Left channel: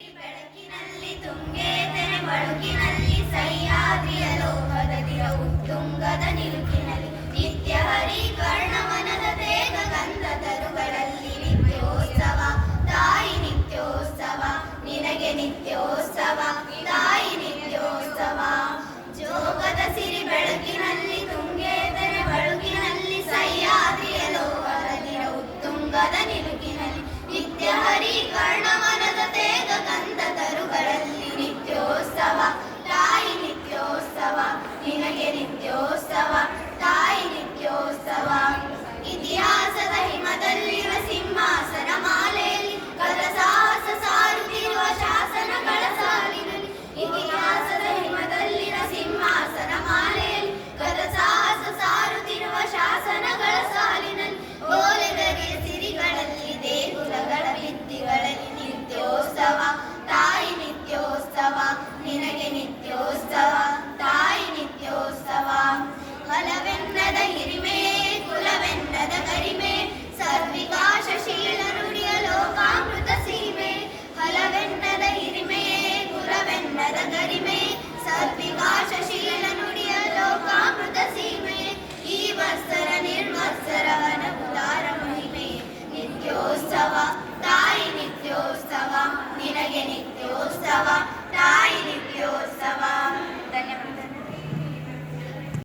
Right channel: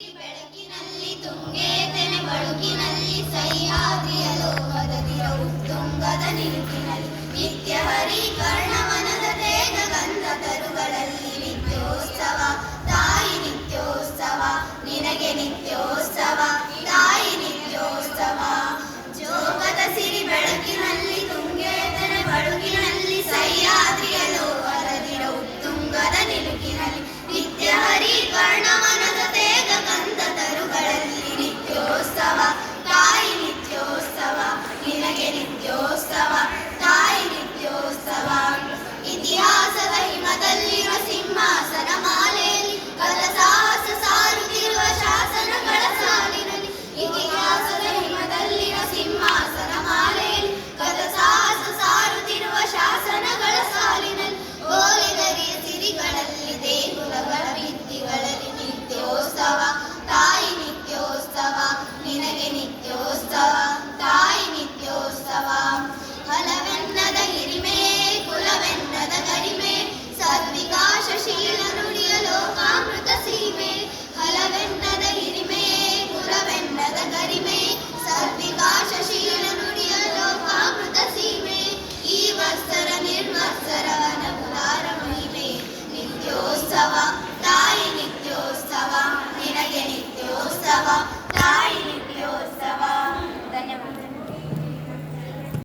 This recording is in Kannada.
ಬೆಳಕಿನಲ್ಲಿ ತುಂಗೆ ತೆನೆ ಬಳುಕಿನಲ್ಲಿ ಸಹ್ಯಾದ್ರಿಯ ಲೋಕದದಿರ ಉತ್ತುಂಗದ ನಿಲುಕಿನಲ್ಲಿ ನಿತ್ಯ ಹರಿಕರ್ಣವನದ ತೇಗ ಗಂಧ ತರುಗಳಲ್ಲಿ ನಿತ್ಯೋತ್ಸವ ತಾಯಿ ನಿತ್ಯೋತ್ಸವ ನಿನಗೆ ನಿತ್ಯೋತ್ಸವ